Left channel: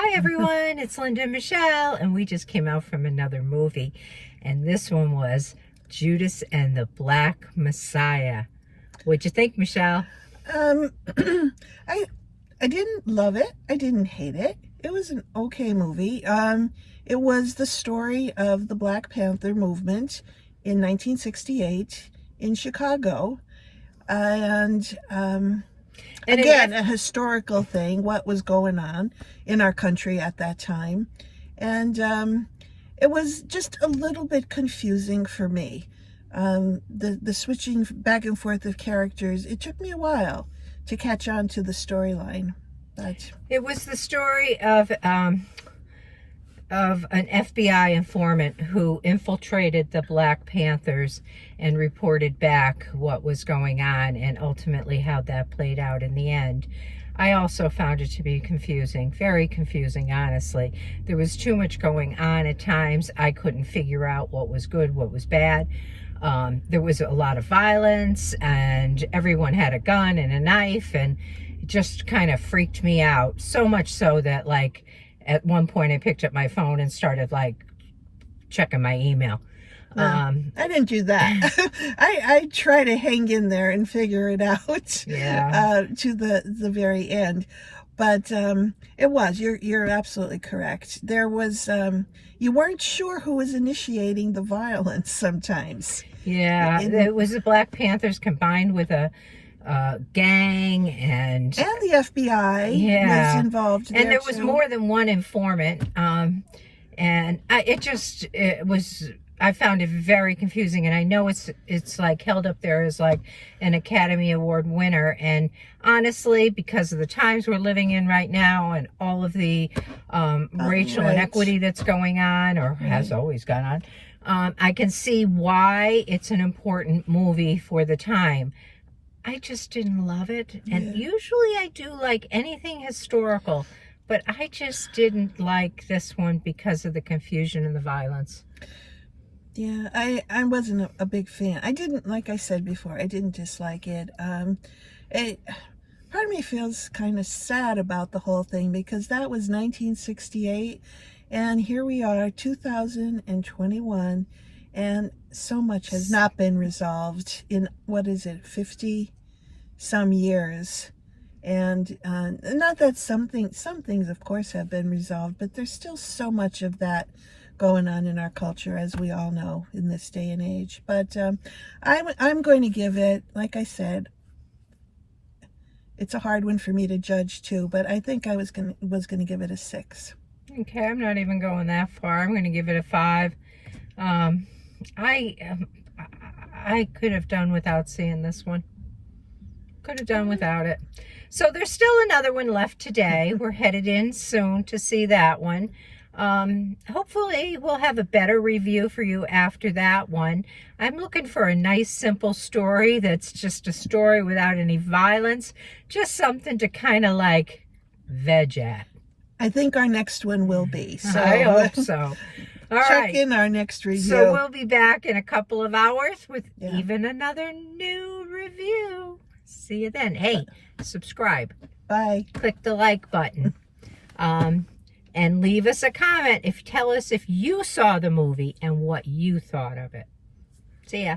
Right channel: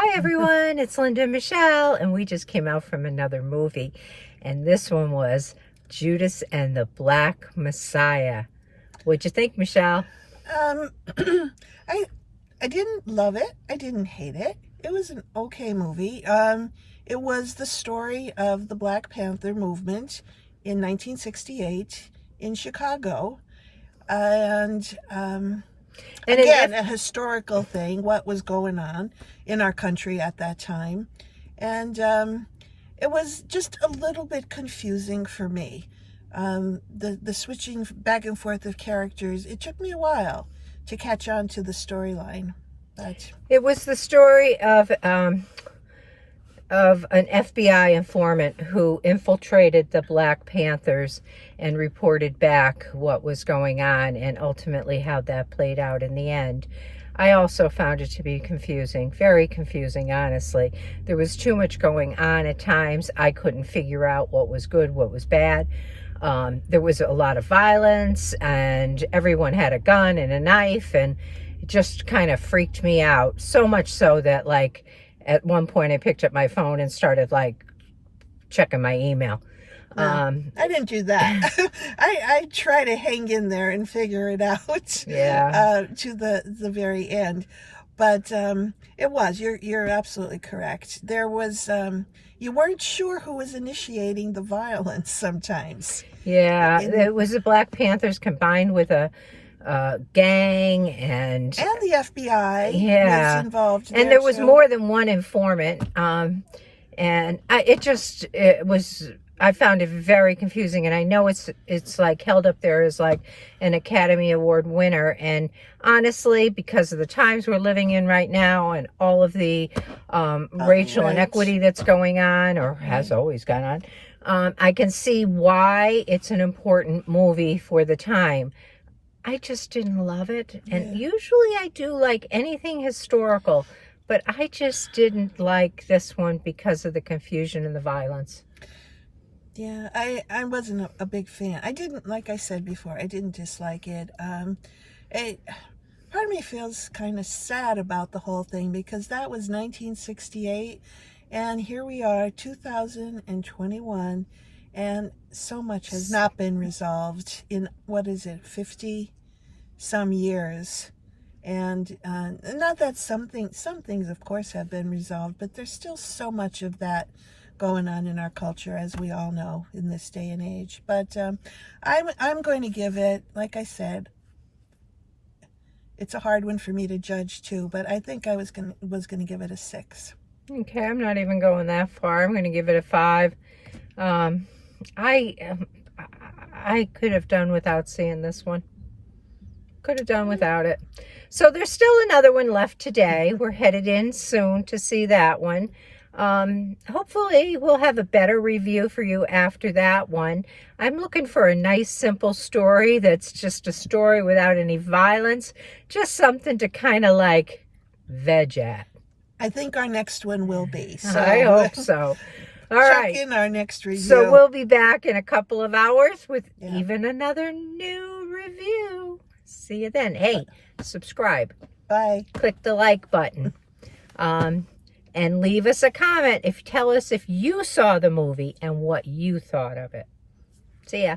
Hi everyone, it's Linda and Michelle, and we just came out from another movie, and this one was Judas and the Black Messiah. What'd you think, Michelle? I didn't love it. I didn't hate it. It was an okay movie. It was the story of the Black Panther movement in 1968 in Chicago, and again, a historical thing, what was going on in our country at that time. And it was just a little bit confusing for me. The switching back and forth of characters, it took me a while to catch on to the storyline. But it was the story of an FBI informant who infiltrated the Black Panthers and reported back what was going on, and ultimately how that played out in the end. I also found it to be confusing, very confusing, honestly. There was too much going on at times. I couldn't figure out what was good, what was bad. There was a lot of violence, and everyone had a gun and a knife, and it just kind of freaked me out. So much so that, like, at one point I picked up my phone and started, like, checking my email. I didn't do that. I try to hang in there and figure it out. Yeah. To the very end. But it was, you're absolutely correct. There was, you weren't sure who was initiating the violence sometimes. Yeah, it was the Black Panthers combined with a gang, and the FBI was involved there, and there was too. more than one informant. And I found it very confusing, and I know it's like held up there as like an Academy Award winner. And honestly, because of the times we're living in right now and all of the racial inequity that's going on, or has always gone on, I can see why it's an important movie for the time. I just didn't love it. And usually I do like anything historical, but I just didn't like this one because of the confusion and the violence. Yeah, I wasn't a big fan. I didn't, like I said before, I didn't dislike it. Part of me feels kind of sad about the whole thing, because that was 1968, and here we are, 2021, and so much has not been resolved in, 50 some years. And not that some things of course have been resolved, but there's still so much of that going on in our culture, as we all know, in this day and age. But I'm going to give it, like I said, it's a hard one for me to judge too, but I think I was gonna give it a 6. Okay, I'm not even going that far. I'm going to give it a 5. I could have done without seeing this one. Could have done without it. So there's still another one left today. We're headed in soon to see that one. Hopefully we'll have a better review for you after that one. I'm looking for a nice, simple story that's just a story without any violence. Just something to kind of like veg at. I think our next one will be. So I hope so. All check right. in our next review. So we'll be back in a couple of hours with even another new review. See you then. Hey, subscribe. Bye. Click the like button. And leave us a comment. Tell us if you saw the movie and what you thought of it. See ya.